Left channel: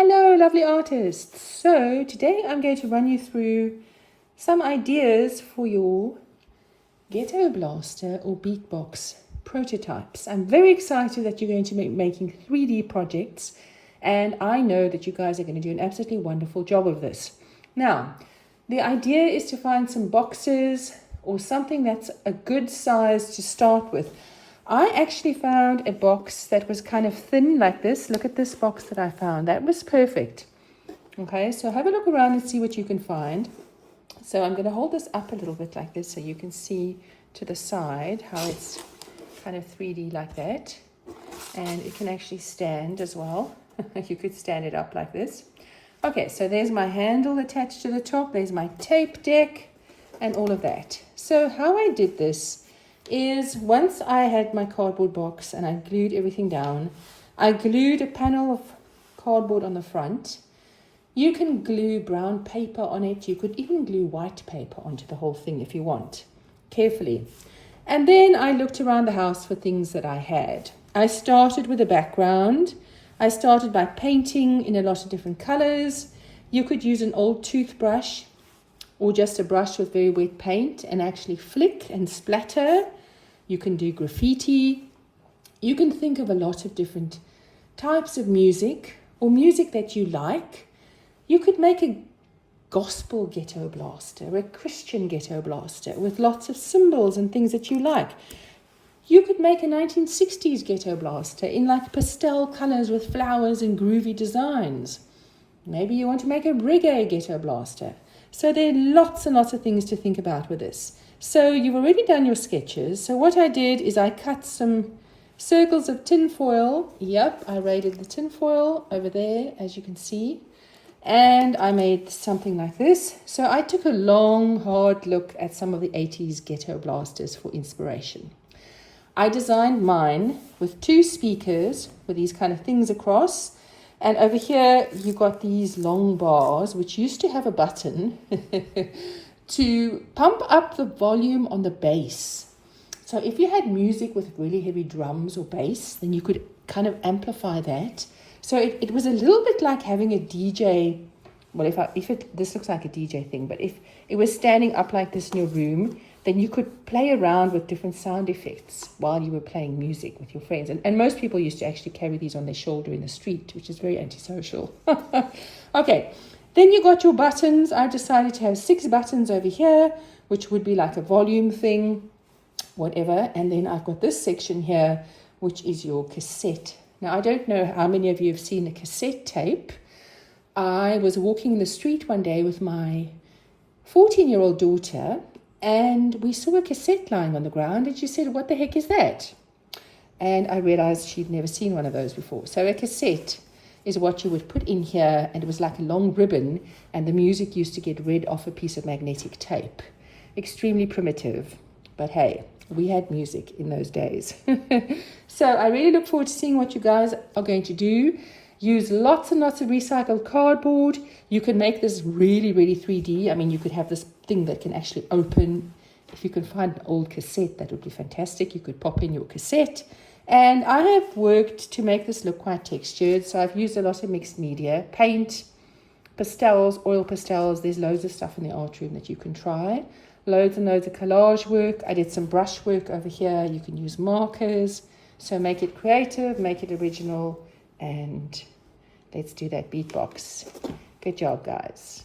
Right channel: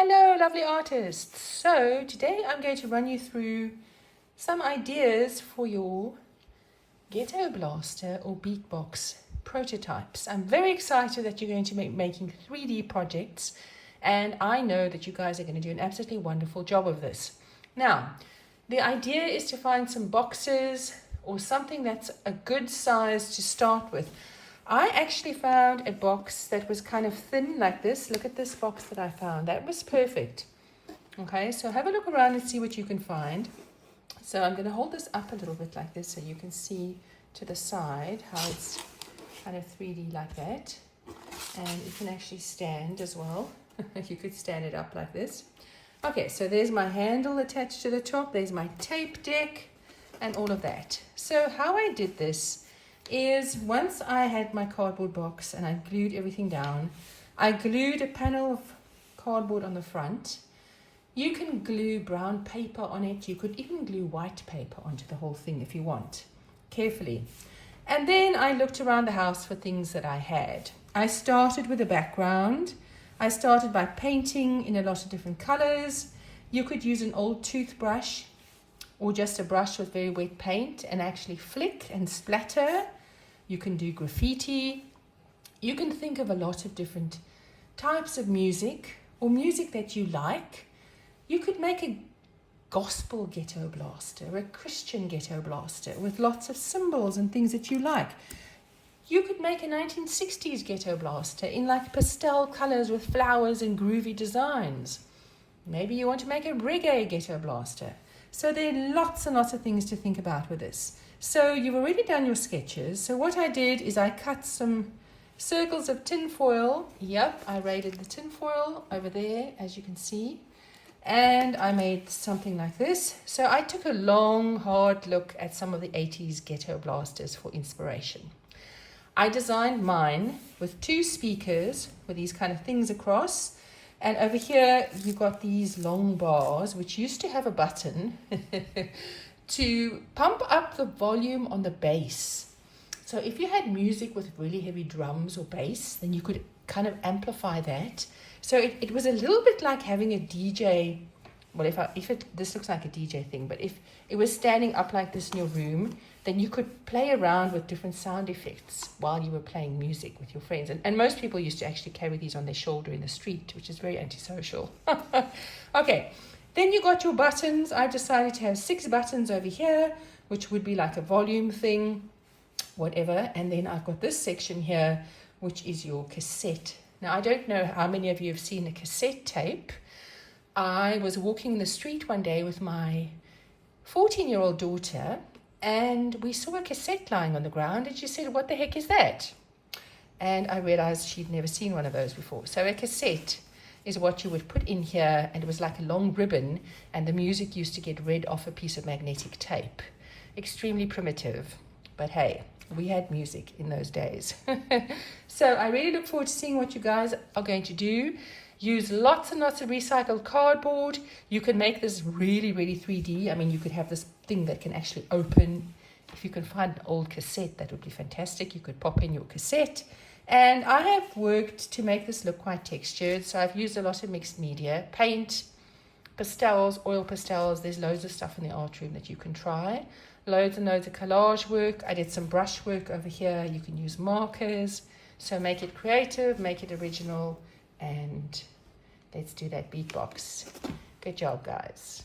Hello, lovely artists. So today I'm going to run you through some ideas for your Ghetto Blaster or beatbox prototypes. I'm very excited that you're going to be making 3D projects, and I know that you guys are going to do an absolutely wonderful job of this. Now, the idea is to find some boxes or something that's a good size to start with. I actually found a box that was kind of thin like this. Look at this box that I found. That was perfect. Okay, so have a look around and see what you can find. So I'm going to hold this up a little bit like this so you can see to the side how it's kind of 3D like that. And it can actually stand as well. You could stand it up like this. Okay, so there's my handle attached to the top. There's my tape deck and all of that. So how I did this is once I had my cardboard box and I glued everything down, I glued a panel of cardboard on the front. You can glue brown paper on it. You could even glue white paper onto the whole thing if you want, carefully. And then I looked around the house for things that I had. I started with a background. I started by painting in a lot of different colors. You could use an old toothbrush or just a brush with very wet paint and actually flick and splatter. You can do graffiti. You can think of a lot of different types of music or music that you like. You could make a gospel ghetto blaster, a Christian ghetto blaster with lots of symbols and things that you like. You could make a 1960s ghetto blaster in like pastel colors with flowers and groovy designs. Maybe you want to make a reggae ghetto blaster. So there are lots and lots of things to think about with this. So you've already done your sketches. So what I did is I cut some circles of tin foil. Yep, I raided the tin foil over there, as you can see. And I made something like this. So I took a long, hard look at some of the 80s ghetto blasters for inspiration. I designed mine with 2 speakers with these kind of things across. And over here, you've got these long bars, which used to have a button to pump up the volume on the bass. So if you had music with really heavy drums or bass, then you could kind of amplify that. So it was a little bit like having a DJ. Well, this looks like a DJ thing, but if it was standing up like this in your room, then you could play around with different sound effects while you were playing music with your friends. And most people used to actually carry these on their shoulder in the street, which is very antisocial. Okay, then you got your buttons. I've decided to have 6 buttons over here, which would be like a volume thing, whatever. And then I've got this section here, which is your cassette. Now, I don't know how many of you have seen a cassette tape. I was walking the street one day with my 14-year-old daughter, and we saw a cassette lying on the ground, and she said, "What the heck is that?" And I realized she'd never seen one of those before. So a cassette is what you would put in here, and it was like a long ribbon, and the music used to get read off a piece of magnetic tape. Extremely primitive, but hey, we had music in those days. So I really look forward to seeing what you guys are going to do. Use lots and lots of recycled cardboard. You can make this really, really 3D. I mean, you could have this thing that can actually open. If you can find an old cassette, that would be fantastic. You could pop in your cassette. And I have worked to make this look quite textured. So I've used a lot of mixed media, paint, pastels, oil pastels. There's loads of stuff in the art room that you can try. Loads and loads of collage work. I did some brush work over here. You can use markers. So make it creative, make it original, and let's do that beatbox. Good job, guys.